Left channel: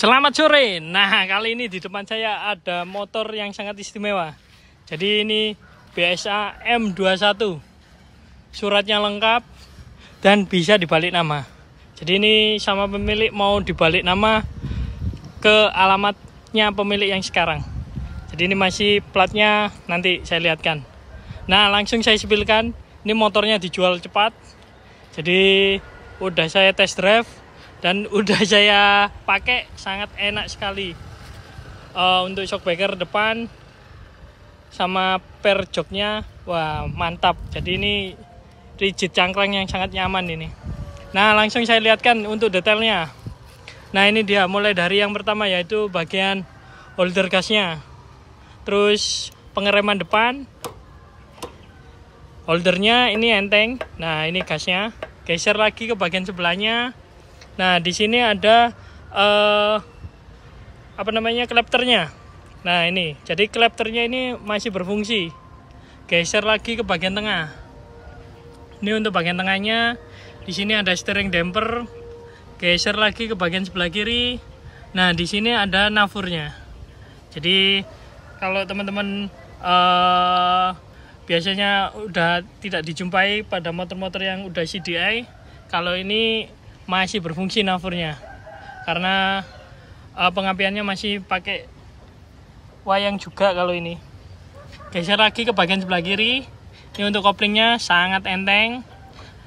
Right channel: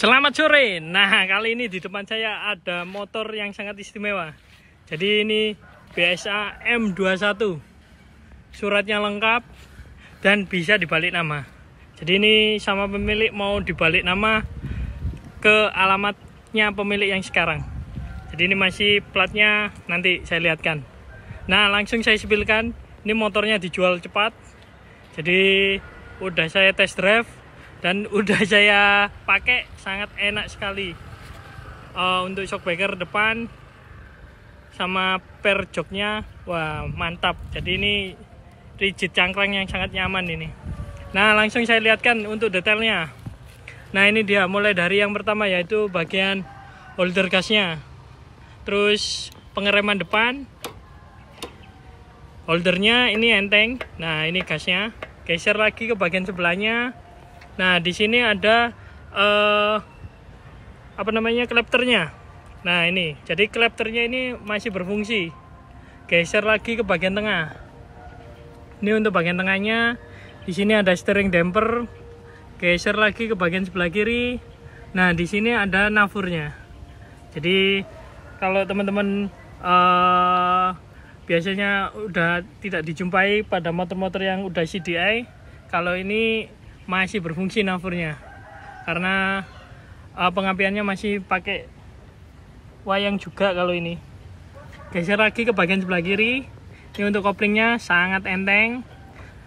Selamat sore. Nah, kali ini di depan saya ada motor yang sangat istimewa. Jadi ini BSA M21. Suratnya lengkap dan bisa dibalik nama. Jadi ini sama pemilik mau dibalik nama ke alamatnya pemilik yang sekarang. Jadi ini masih platnya, nanti saya lihatkan. Nah, langsung saya spillkan. Ini motornya dijual cepat. Jadi udah saya test drive dan udah saya pakai, sangat enak sekali. Untuk shockbreaker depan sama per joknya, wah mantap. Jadi ini rigid cangklang yang sangat nyaman ini. Nah, langsung saya lihatkan untuk detailnya. Nah, ini dia mulai dari yang pertama, yaitu bagian holder gasnya, terus pengereman depan, holdernya ini enteng. Nah, ini gasnya. Geser lagi ke bagian sebelahnya. Nah, di sini ada klapternya. Nah, ini. Jadi klapternya ini masih berfungsi. Geser lagi ke bagian tengah. Ini untuk bagian tengahnya. Di sini ada steering damper. Geser lagi ke bagian sebelah kiri. Nah, di sini ada navurnya. Jadi kalau teman-teman biasanya udah tidak dijumpai pada motor-motor yang udah CDI, kalau ini masih berfungsi navurnya, karena pengapiannya masih pakai wayang juga. Kalau ini geser lagi ke bagian sebelah kiri, ini untuk koplingnya sangat enteng.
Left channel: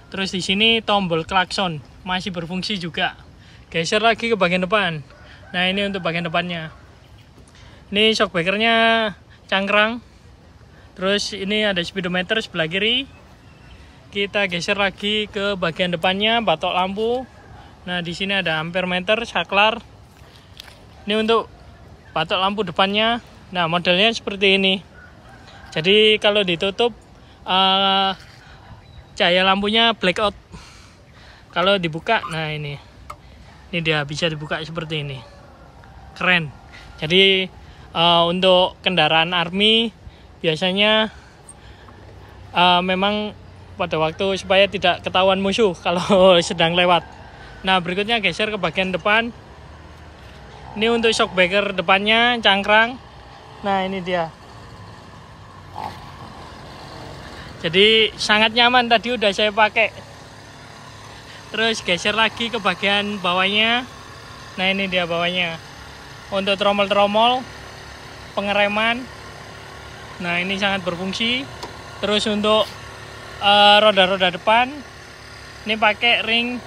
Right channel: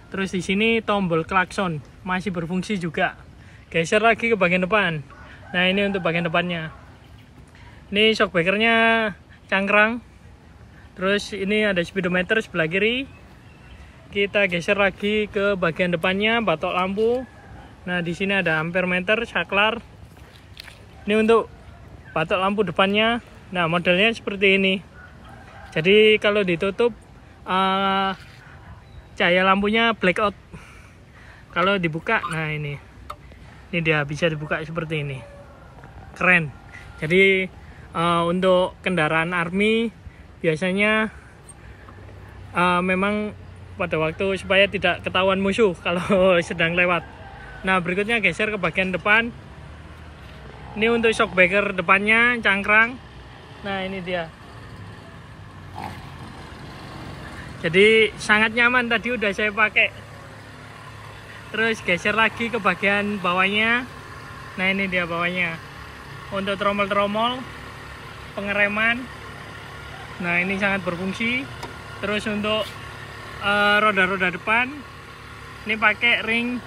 Terus di sini tombol klakson masih berfungsi juga. Geser lagi ke bagian depan. Nah, ini untuk bagian depannya. Ini shockbreakernya cangkrang. Terus ini ada speedometer sebelah kiri. Kita geser lagi ke bagian depannya, batok lampu. Nah, di sini ada ampere meter, saklar. Ini untuk batok lampu depannya. Nah, modelnya seperti ini. Jadi kalau ditutup cahaya lampunya blackout. Kalau dibuka, nah ini dia bisa dibuka seperti ini. Keren. Jadi untuk kendaraan army biasanya memang pada waktu supaya tidak ketahuan musuh kalau sedang lewat. Nah, berikutnya geser ke bagian depan. Ini untuk shockbreaker depannya cangkrang. Nah, ini dia. Jadi sangat nyaman, tadi udah saya pakai. Terus geser lagi ke bagian bawahnya. Nah, ini dia bawahnya. Untuk tromol-tromol, pengereman. Nah, ini sangat berfungsi. Terus untuk roda-roda depan ini pakai ring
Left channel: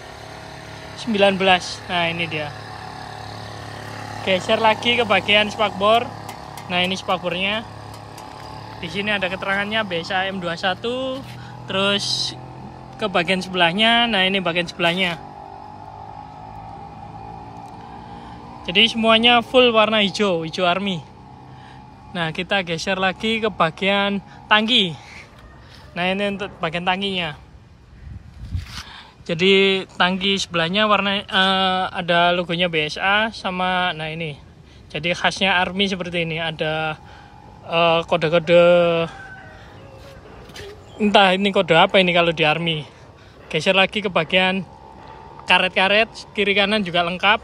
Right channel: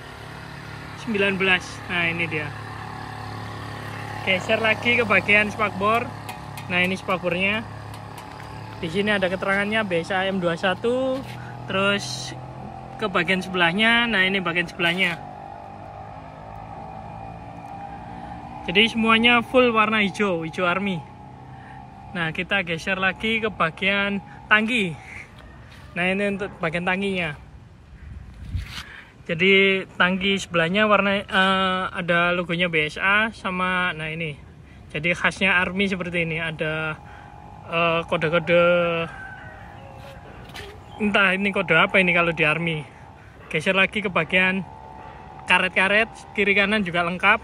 19. Nah, ini dia. Geser lagi ke bagian spakbor. Nah, ini spakbornya. Di sini ada keterangannya BSA M21. Terus ke bagian sebelahnya. Nah, ini bagian sebelahnya. Jadi semuanya full warna hijau, hijau army. Nah, kita geser lagi ke bagian tangki. Nah, ini untuk bagian tangkinya. Jadi tangki sebelahnya warna ada logonya BSA sama, nah ini. Jadi khasnya army seperti ini. Ada kode-kode, entah ini kode apa ini kalau di army. Geser lagi ke bagian karet-karet, kiri kanan juga lengkap.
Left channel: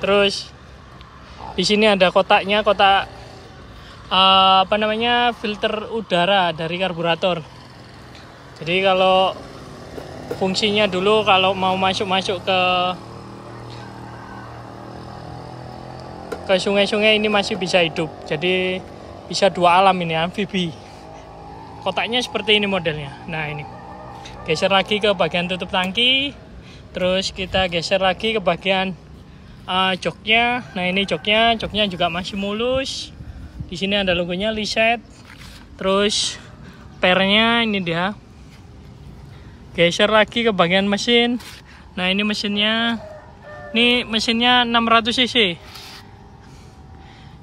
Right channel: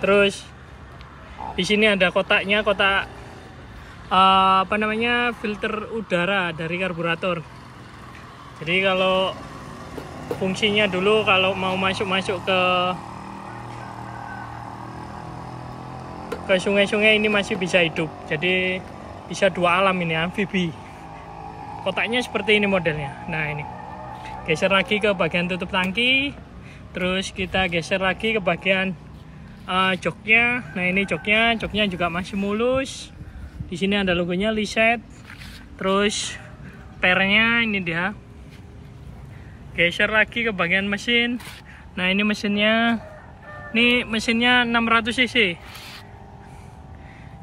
Terus di sini ada kotaknya, kotak filter udara dari karburator. Jadi kalau fungsinya dulu kalau mau masuk ke sungai-sungai ini masih bisa hidup. Jadi bisa dua alam ini, amfibi. Kotaknya seperti ini modelnya. Nah, ini. Geser lagi ke bagian tutup tangki. Terus kita geser lagi ke bagian joknya. Nah, ini joknya juga masih mulus. Di sini ada logonya Liset. Terus pernya ini dia. Geser lagi ke bagian mesin. Nah, ini mesinnya. Ini mesinnya 600 cc.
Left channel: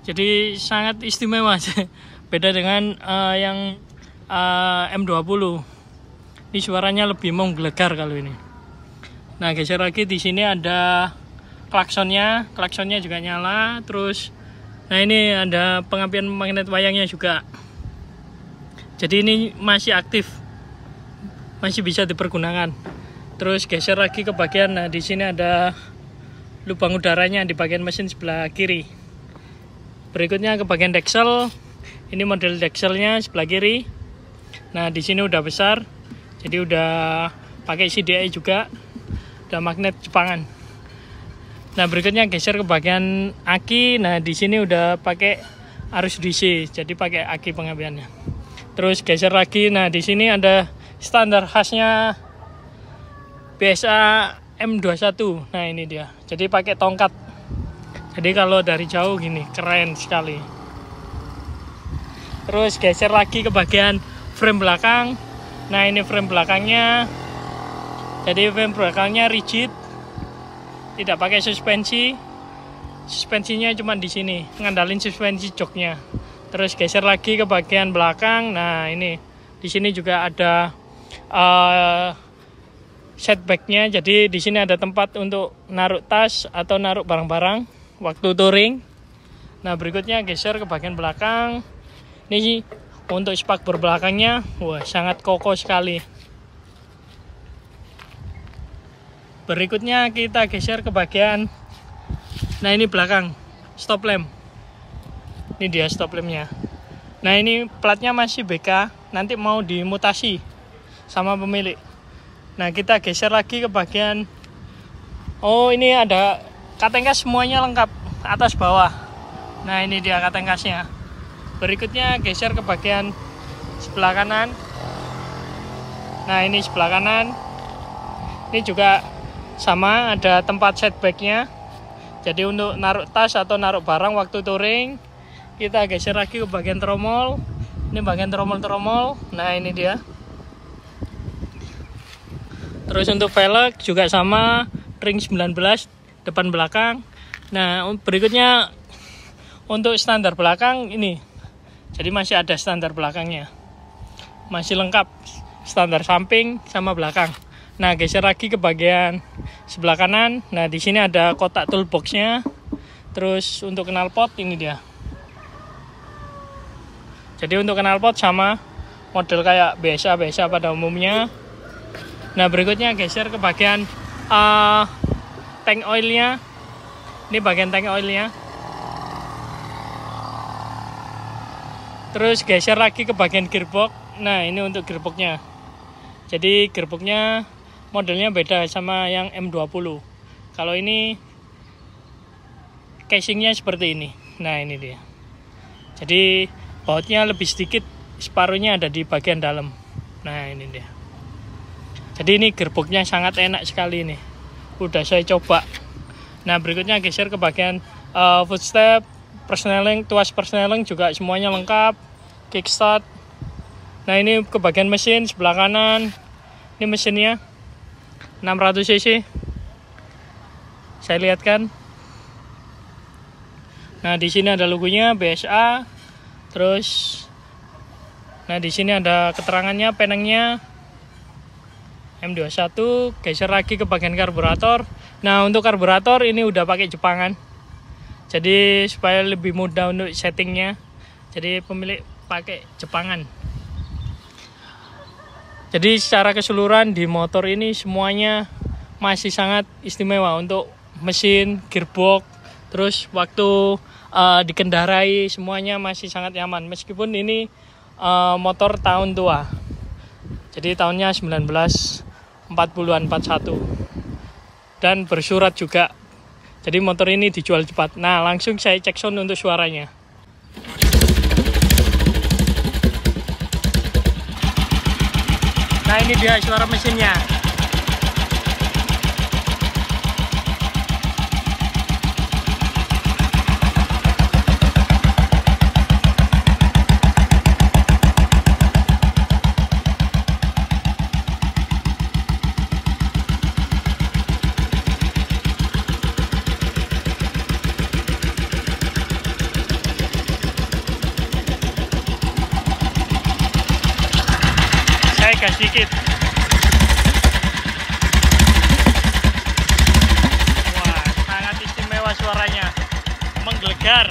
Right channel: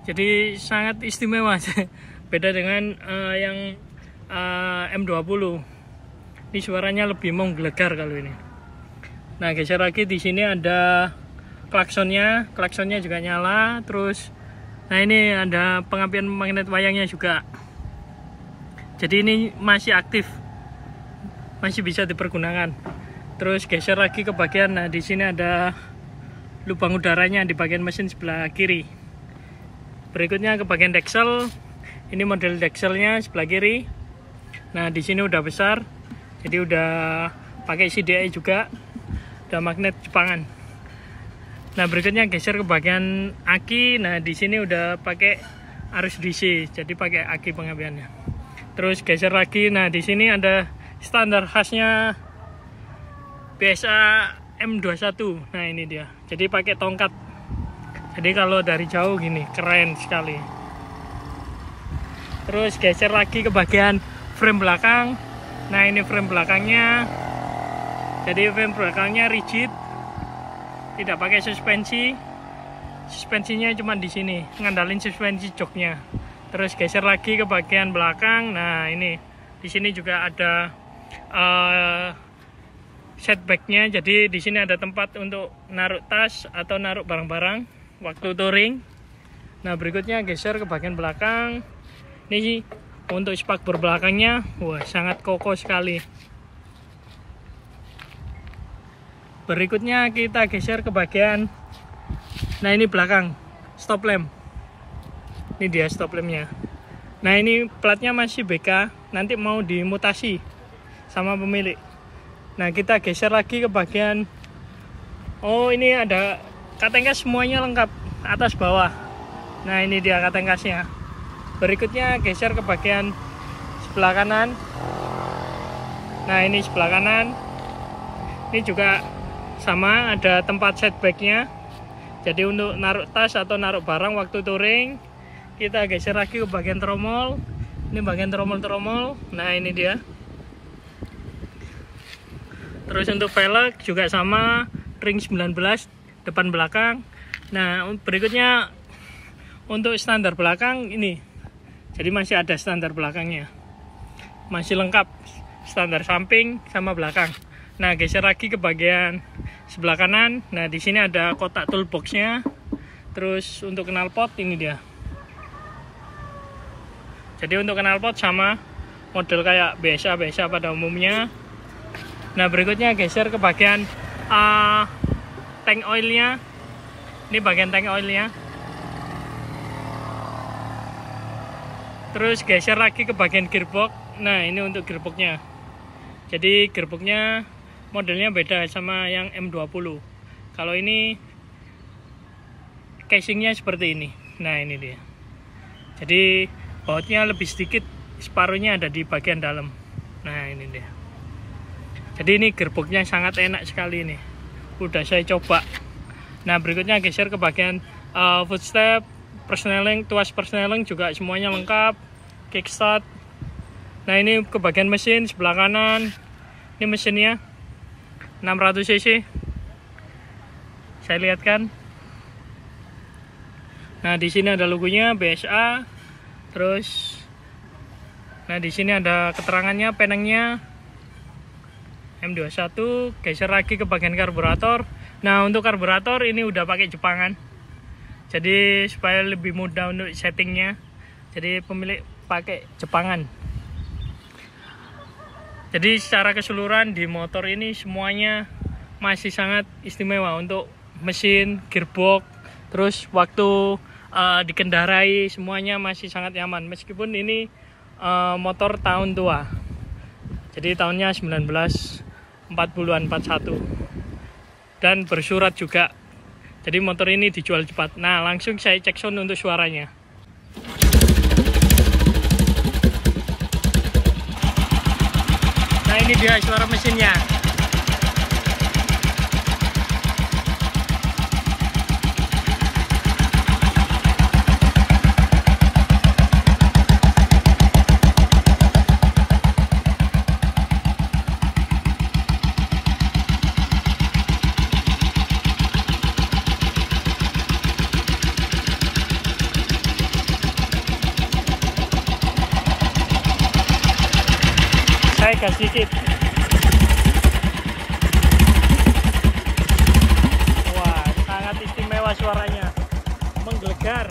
Jadi sangat istimewa. Beda dengan yang M20. Ini suaranya lebih menggelegar kalau ini. Nah, geser lagi, di sini ada klaksonnya juga nyala. Terus nah, ini ada pengapian magnet wayangnya juga. Jadi ini masih aktif, masih bisa dipergunakan. Terus geser lagi ke bagian, nah di sini ada lubang udaranya di bagian mesin sebelah kiri. Berikutnya ke bagian deksel. Ini model dekselnya sebelah kiri. Nah, di sini udah besar. Jadi udah pakai CDI juga. Udah magnet Jepangan. Nah, berikutnya geser ke bagian aki. Nah, di sini udah pakai arus DC. Jadi pakai aki pengambilannya. Terus geser lagi. Nah, di sini ada standar khasnya BSA M21. Nah, ini dia. Jadi pakai tongkat. Jadi kalau dari jauh gini, keren sekali. Terus geser lagi ke bagian frame belakang. Nah, ini frame belakangnya. Jadi frame belakangnya rigid. Tidak pakai suspensi. Suspensinya cuma di sini, ngandalin suspensi joknya. Terus geser lagi ke bagian belakang. Nah, ini di sini juga ada setbacknya. Jadi di sini ada tempat untuk naruh tas atau naruh barang-barang waktu touring. Nah, berikutnya geser ke bagian belakang. Ini untuk spakbor belakangnya, wah, sangat kokoh sekali. Berikutnya kita geser ke bagian, nah ini belakang stop lamp. Ini dia stop lampnya. Nah, ini platnya masih BK, nanti mau dimutasi sama pemilik. Nah, kita geser lagi ke bagian, oh, ini ada katengkas semuanya lengkap, atas bawah. Nah, ini dia katengkasnya. Berikutnya geser ke bagian sebelah kanan. Nah, ini sebelah kanan. Ini juga sama, ada tempat setbacknya. Jadi untuk naruh tas atau naruh barang waktu touring. Kita geser lagi ke bagian tromol. Ini bagian tromol-tromol. Nah, ini dia. Terus untuk velg juga sama, ring 19 depan belakang. Nah, berikutnya untuk standar belakang ini. Jadi masih ada standar belakangnya. Masih lengkap standar samping sama belakang. Nah, geser lagi ke bagian sebelah kanan. Nah, di sini ada kotak toolboxnya. Terus untuk knalpot ini dia. Jadi untuk knalpot sama model kayak BSA pada umumnya. Nah, berikutnya geser ke bagian tank oilnya. Ini bagian tank oilnya. Terus geser lagi ke bagian gearbox. Nah, ini untuk gearboxnya. Jadi gearboxnya modelnya beda sama yang M20. Kalau ini casingnya seperti ini. Nah, ini dia. Jadi bautnya lebih sedikit, separuhnya ada di bagian dalam. Nah, ini dia. Jadi ini gearboxnya sangat enak sekali nih. Udah saya coba. Nah, berikutnya geser ke bagian footstep, persneling, tuas persneling juga semuanya lengkap. Kickstart. Nah, ini ke bagian mesin sebelah kanan. Ini mesinnya 600 cc. Saya lihatkan. Nah, di sini ada logonya BSA. Terus, nah di sini ada keterangannya, penengnya M21. Geser lagi ke bagian karburator. Nah, untuk karburator ini udah pakai Jepangan. Jadi supaya lebih mudah untuk settingnya. Jadi pemilik pakai Jepangan. Jadi secara keseluruhan di motor ini semuanya masih sangat istimewa untuk mesin, gearbox, terus waktu dikendarai semuanya masih sangat nyaman. Meskipun ini motor tahun tua. Jadi tahunnya 1940-an, 41. Dan bersurat juga. Jadi motor ini dijual cepat. Nah, langsung saya cek sound untuk suaranya. Nah, ini dia suara mesinnya. Saya gas dikit. Wah, sangat istimewa suaranya, menggelegar.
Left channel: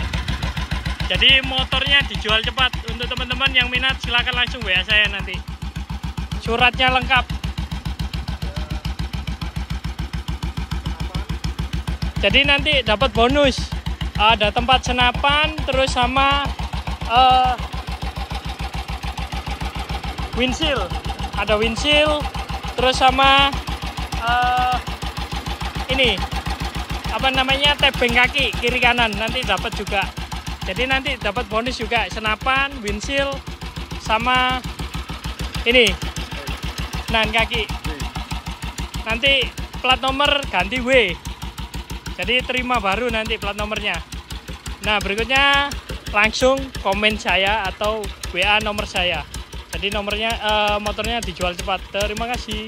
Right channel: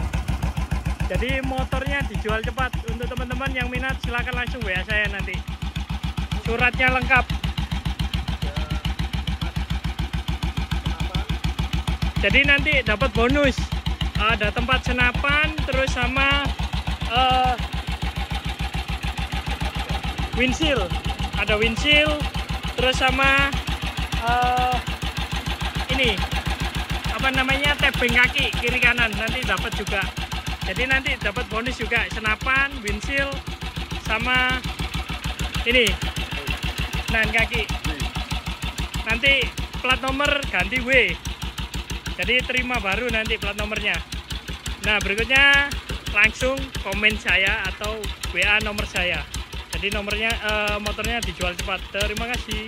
Jadi motornya dijual cepat. Untuk teman-teman yang minat silakan langsung WA saya nanti. Suratnya lengkap. Jadi nanti dapat bonus. Ada tempat senapan, terus sama windshield. Ada windshield, terus sama ini apa namanya, tebing kaki kiri kanan nanti dapat juga. Jadi nanti dapat bonus juga senapan, windshield, sama ini nan kaki. Nanti plat nomor ganti W. Jadi terima baru nanti plat nomornya. Nah berikutnya langsung komen saya atau WA nomor saya. Jadi nomornya motornya dijual cepat. Terima kasih.